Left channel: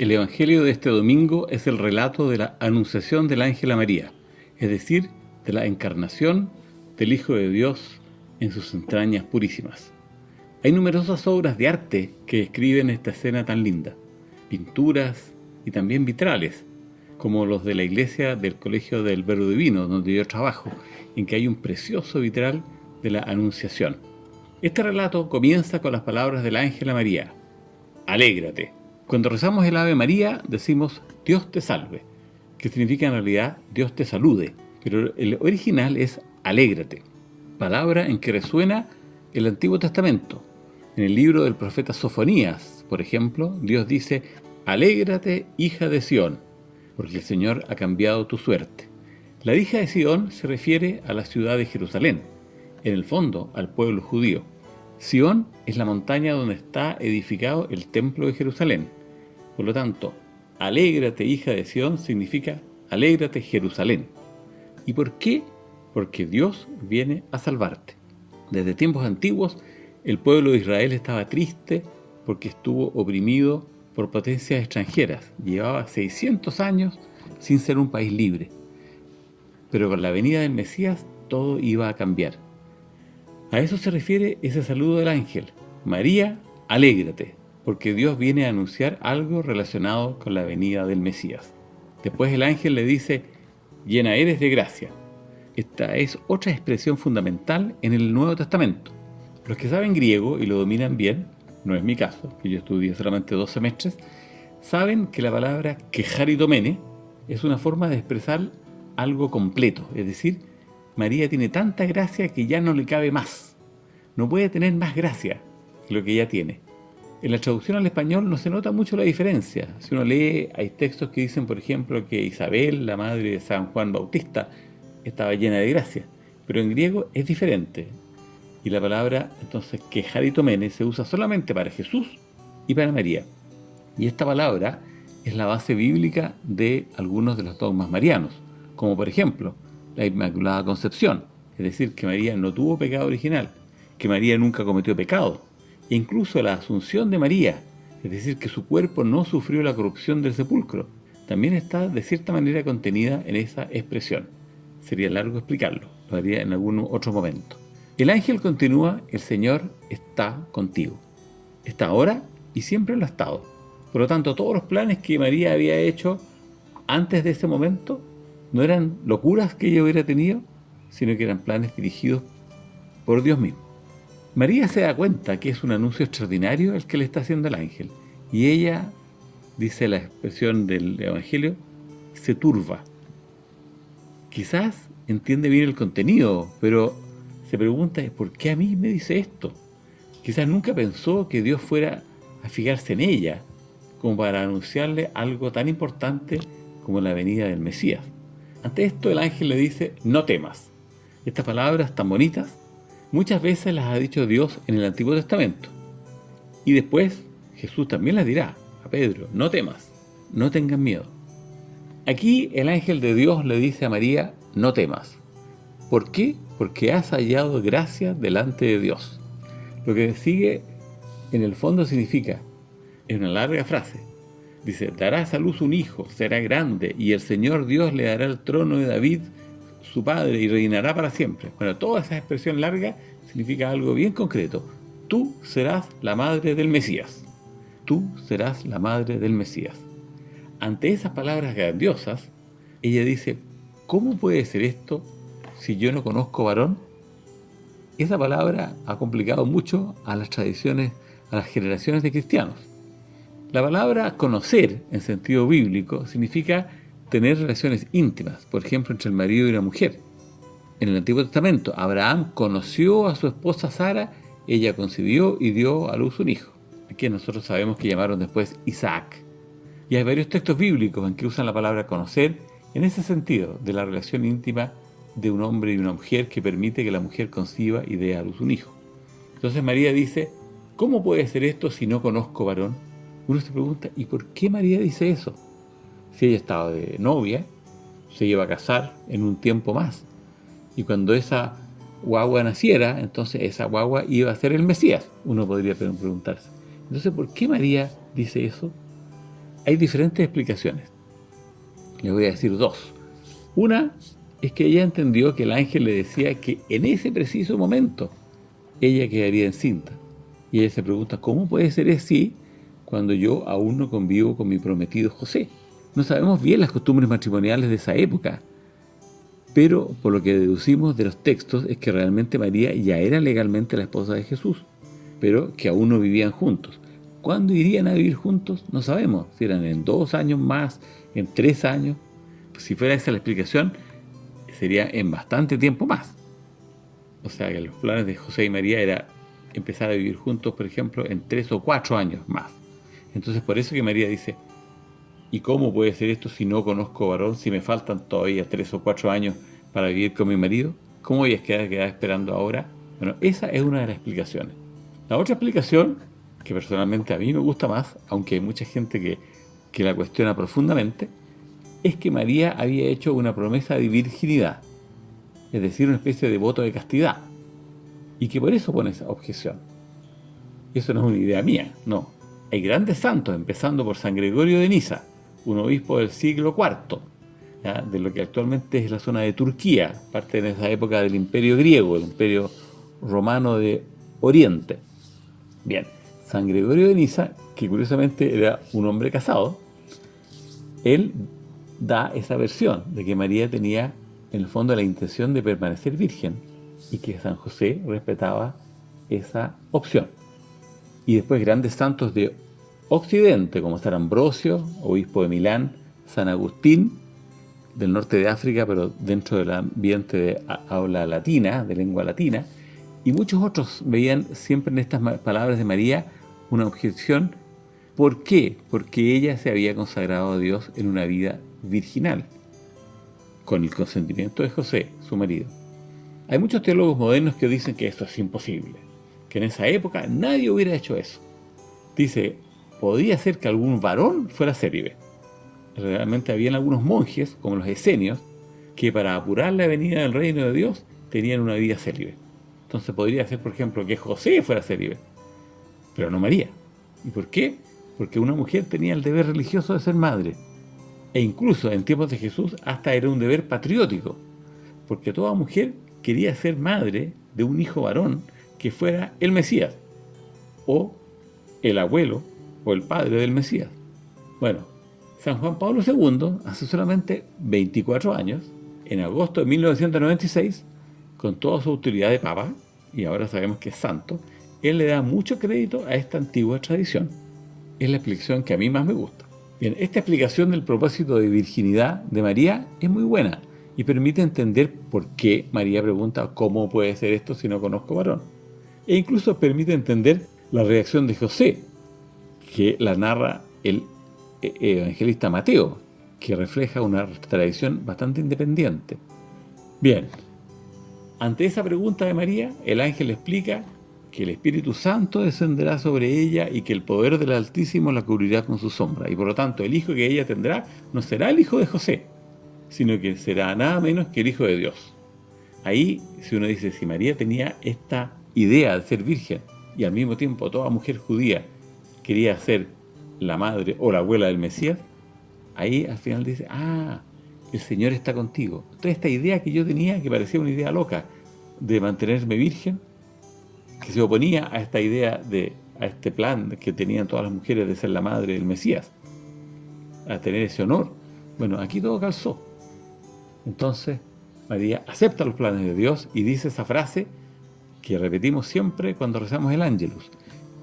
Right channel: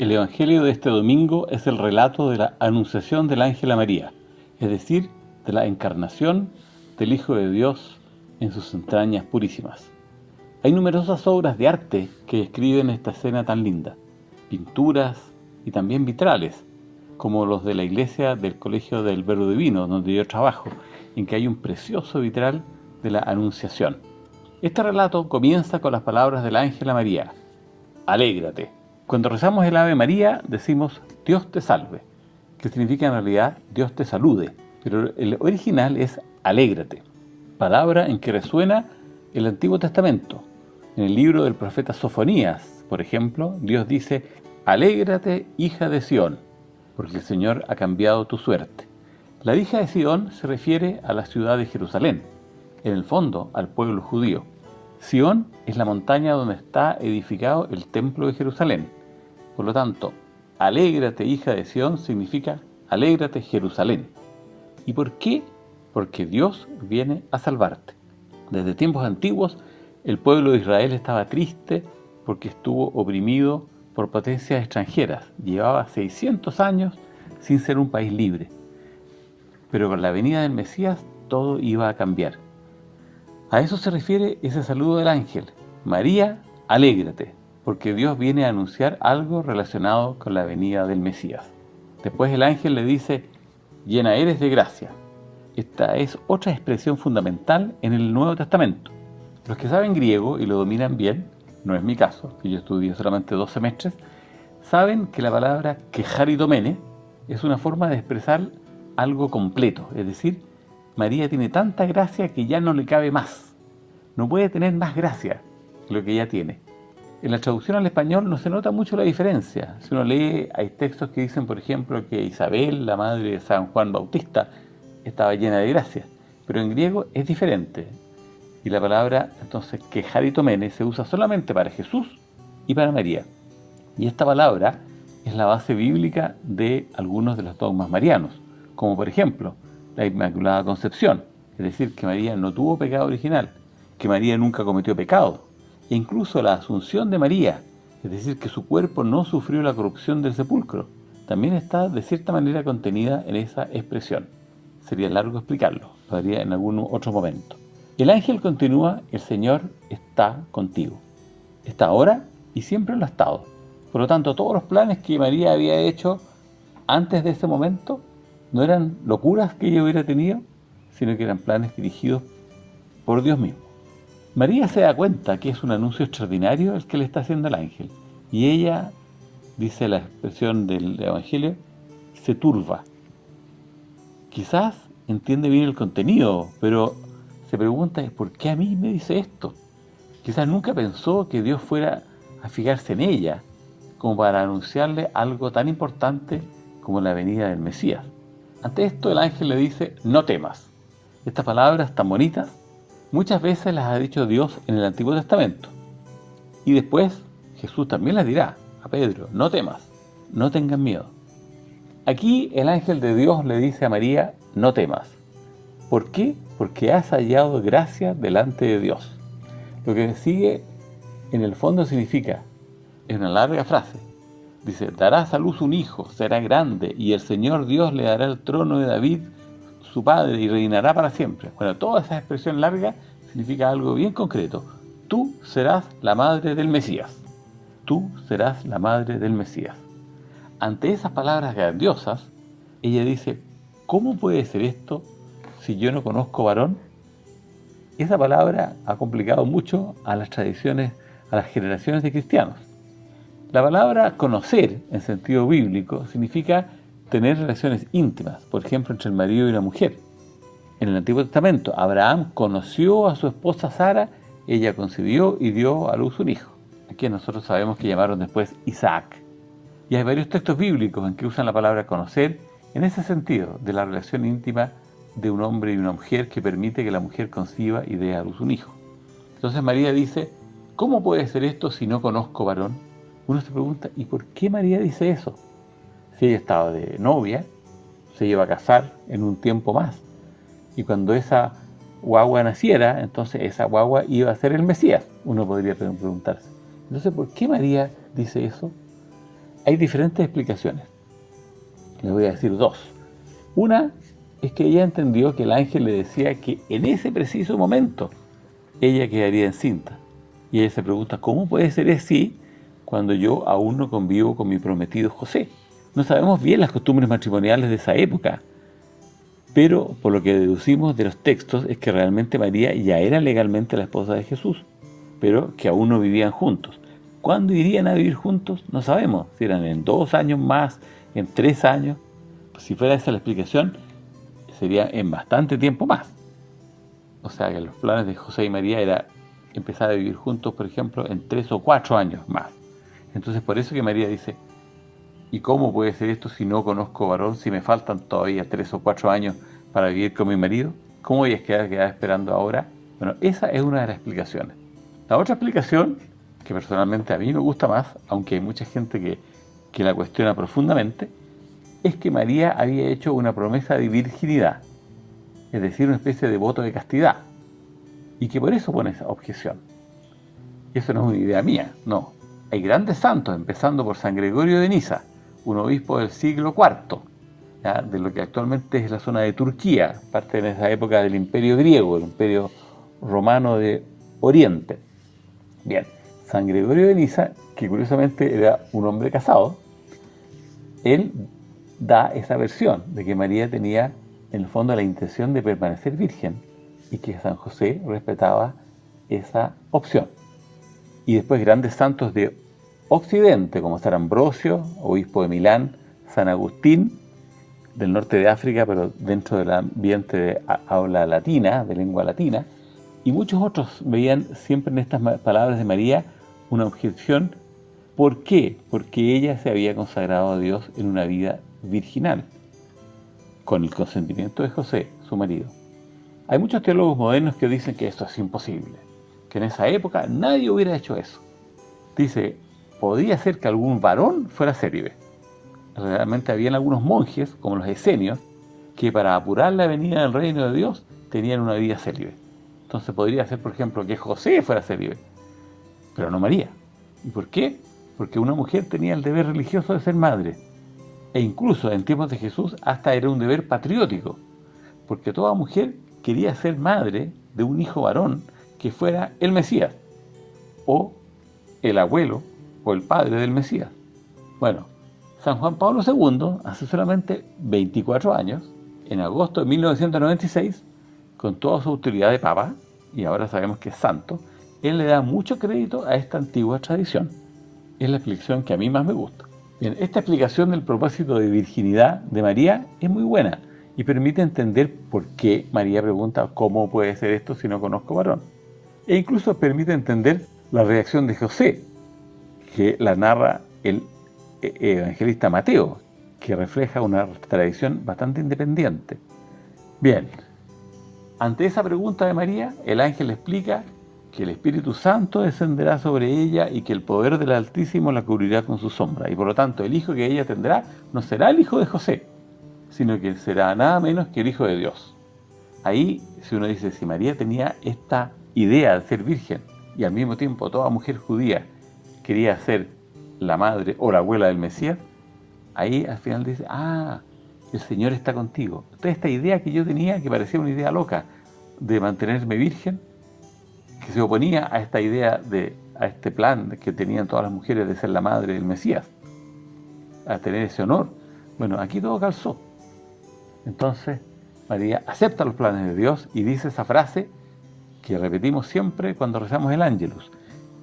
El Evangelio de este domingo es el relato de la anunciación del ángel a María, es decir, de la encarnación del Hijo de Dios en sus entrañas purísimas. Hay numerosas obras de arte que describen esta escena tan linda, pinturas y también vitrales, como los de la iglesia del Colegio del Verbo Divino, donde yo trabajo, en que hay un precioso vitral de la Anunciación. Este relato comienza con las palabras del ángel a María: alégrate. Cuando rezamos el Ave María decimos Dios te salve, que significa en realidad Dios te salude, pero el original es alégrate, palabra en que resuena el Antiguo Testamento. En el libro del profeta Sofonías, por ejemplo, Dios dice: alégrate, hija de Sión, porque el Señor ha cambiado tu suerte. La hija de Sión se refiere a la ciudad de Jerusalén, en el fondo al pueblo judío. Sión es la montaña donde está edificado el templo de Jerusalén. Por lo tanto, alégrate, hija de Sión, significa alégrate, Jerusalén. ¿Y por qué? Porque Dios viene a salvarte. Desde tiempos antiguos, el pueblo de Israel estaba triste porque estuvo oprimido por potencias extranjeras. Llevaba 600 años sin ser un país libre. Pero con la venida del Mesías, todo iba a cambiar. A eso se refiere ese saludo del ángel: María, alégrate, porque Dios viene a anunciar algo relacionado con la venida del Mesías. Después el ángel le dice: llena eres de gracia. Esta es otra expresión fundamental en el Nuevo Testamento. Los que saben griego y lo dominan bien, no es mi caso, que yo estudié solamente 2 semestres, saben que la palabra kecharitomene es una forma de expresar algo completo, es decir, María tiene tanta gracia que ya no le cabe más. No puede tener más gracia que lo que ella tiene. En la traducción al español no se nota mucho la diferencia. Si uno lee, hay textos que dicen, por ejemplo, que Isabel, la madre de San Juan Bautista, estaba llena de gracia, pero en griego es diferente. Y la palabra, entonces, kecharitomene se usa solamente para Jesús y para María. Y esta palabra es la base bíblica de algunos de los dogmas marianos, como por ejemplo, la Inmaculada Concepción, es decir, que María no tuvo pecado original, que María nunca cometió pecado, e incluso la Asunción de María, es decir, que su cuerpo no sufrió la corrupción del sepulcro, también está de cierta manera contenida en esa expresión. Sería largo explicarlo, lo haría en algún otro momento. El ángel continúa: el Señor está contigo. Está ahora y siempre lo ha estado. Por lo tanto, todos los planes que María había hecho antes de ese momento no eran locuras que ella hubiera tenido, sino que eran planes dirigidos por Dios mismo. María se da cuenta que es un anuncio extraordinario el que le está haciendo el ángel, y ella, dice la expresión del Evangelio, se turba. Quizás entiende bien el contenido, pero se pregunta: ¿por qué a mí me dice esto? Quizás nunca pensó que Dios fuera a fijarse en ella, como para anunciarle algo tan importante como la venida del Mesías. Ante esto el ángel le dice: no temas. Estas palabras tan bonitas muchas veces las ha dicho Dios en el Antiguo Testamento. Y después Jesús también las dirá a Pedro: no temas, no tengan miedo. Aquí el ángel de Dios le dice a María: no temas. ¿Por qué? Porque has hallado gracia delante de Dios. Lo que sigue en el fondo significa, es una larga frase, dice: darás a luz un hijo, será grande, y el Señor Dios le dará el trono de David, su padre, y reinará para siempre. Bueno, toda esa expresión larga significa algo bien concreto. Tú serás la madre del Mesías. Tú serás la madre del Mesías. Ante esas palabras grandiosas, ella dice: ¿cómo puede ser esto si yo no conozco varón? Esa palabra ha complicado mucho a las tradiciones, a las generaciones de cristianos. La palabra conocer, en sentido bíblico, significa tener relaciones íntimas, por ejemplo, entre el marido y la mujer. En el Antiguo Testamento, Abraham conoció a su esposa Sara, ella concibió y dio a luz un hijo, a quien nosotros sabemos que llamaron después Isaac. Y hay varios textos bíblicos en que usan la palabra conocer en ese sentido, de la relación íntima de un hombre y una mujer que permite que la mujer conciba y dé a luz un hijo. Entonces María dice: ¿cómo puede ser esto si no conozco varón? Uno se pregunta: ¿y por qué María dice eso? Si ella estaba de novia, se iba a casar en un tiempo más, y cuando esa guagua naciera, entonces esa guagua iba a ser el Mesías, uno podría preguntarse. Entonces, ¿por qué María dice eso? Hay diferentes explicaciones. Le voy a decir dos. Una es que ella entendió que el ángel le decía que en ese preciso momento ella quedaría encinta. Y ella se pregunta, ¿cómo puede ser así cuando yo aún no convivo con mi prometido José? No sabemos bien las costumbres matrimoniales de esa época, pero por lo que deducimos de los textos es que realmente María ya era legalmente la esposa de Jesús, pero que aún no vivían juntos. ¿Cuándo irían a vivir juntos? No sabemos, si eran en 2 años más, en 3 años. Pues si fuera esa la explicación, sería en bastante tiempo más. O sea que los planes de José y María era empezar a vivir juntos, por ejemplo, en 3 o 4 años más. Entonces por eso que María dice, ¿y cómo puede ser esto si no conozco varón, si me faltan todavía 3 o 4 años para vivir con mi marido? ¿Cómo voy a quedar esperando ahora? Bueno, esa es una de las explicaciones. La otra explicación, que personalmente a mí me gusta más, aunque hay mucha gente que la cuestiona profundamente, es que María había hecho una promesa de virginidad, es decir, una especie de voto de castidad, y que por eso pone esa objeción. Eso no es una idea mía, no. Hay grandes santos, empezando por San Gregorio de Niza, un obispo del siglo IV, ¿ya?, de lo que actualmente es la zona de Turquía, parte de esa época del Imperio griego, el Imperio romano de Oriente. Bien, San Gregorio de Niza, que curiosamente era un hombre casado, él da esa versión de que María tenía en el fondo la intención de permanecer virgen y que San José respetaba esa opción. Y después grandes santos de Occidente, como San Ambrosio, obispo de Milán, San Agustín, del norte de África, pero dentro del ambiente de habla latina, de lengua latina, y muchos otros veían siempre en estas palabras de María una objeción. ¿Por qué? Porque ella se había consagrado a Dios en una vida virginal, con el consentimiento de José, su marido. Hay muchos teólogos modernos que dicen que esto es imposible, que en esa época nadie hubiera hecho eso. Dice, podía ser que algún varón fuera célibe. Realmente habían algunos monjes, como los esenios, que para apurar la venida del reino de Dios tenían una vida célibe. Entonces podría ser, por ejemplo, que José fuera célibe, pero no María. ¿Y por qué? Porque una mujer tenía el deber religioso de ser madre. E incluso en tiempos de Jesús hasta era un deber patriótico, porque toda mujer quería ser madre de un hijo varón que fuera el Mesías, o el abuelo o el padre del Mesías. Bueno, San Juan Pablo II, hace solamente 24 años, en agosto de 1996, con toda su autoridad de papa, y ahora sabemos que es santo, él le da mucho crédito a esta antigua tradición. Es la explicación que a mí más me gusta. Bien, esta explicación del propósito de virginidad de María es muy buena y permite entender por qué María pregunta ¿cómo puede ser esto si no conozco varón? E incluso permite entender la reacción de José, que la narra el evangelista Mateo, que refleja una tradición bastante independiente. Bien, ante esa pregunta de María, el ángel le explica que el Espíritu Santo descenderá sobre ella y que el poder del Altísimo la cubrirá con su sombra. Y por lo tanto, el hijo que ella tendrá no será el hijo de José, sino que será nada menos que el hijo de Dios. Ahí, si uno dice, si María tenía esta idea de ser virgen y al mismo tiempo toda mujer judía quería ser la madre o la abuela del Mesías, ahí al final dice, el Señor está contigo. Entonces esta idea que yo tenía, que parecía una idea loca, de mantenerme virgen, que se oponía a esta idea, a este plan que tenían todas las mujeres de ser la madre del Mesías, a tener ese honor. Bueno, aquí todo calzó. Entonces María acepta los planes de Dios y dice esa frase que repetimos siempre cuando rezamos el Ángelus:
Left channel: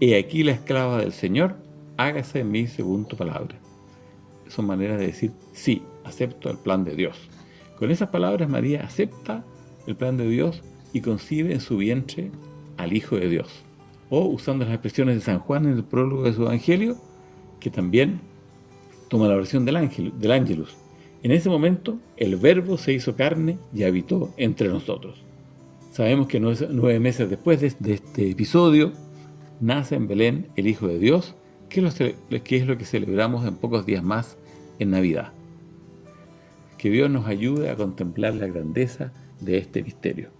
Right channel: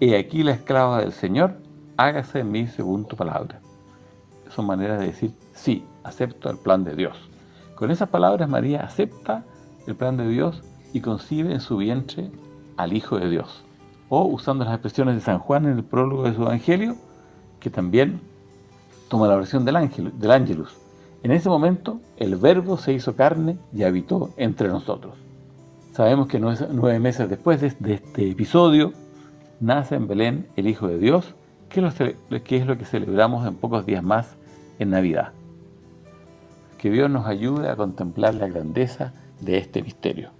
he aquí la esclava del Señor, hágase en mí según tu palabra. Son maneras de decir, sí, acepto el plan de Dios. Con esas palabras María acepta el plan de Dios y concibe en su vientre al Hijo de Dios. O, usando las expresiones de San Juan en el prólogo de su Evangelio, que también toma la versión del Ángelus. En ese momento, el Verbo se hizo carne y habitó entre nosotros. Sabemos que 9 meses después de este episodio, nace en Belén el Hijo de Dios, que es lo que celebramos en pocos días más en Navidad. Que Dios nos ayude a contemplar la grandeza de este misterio.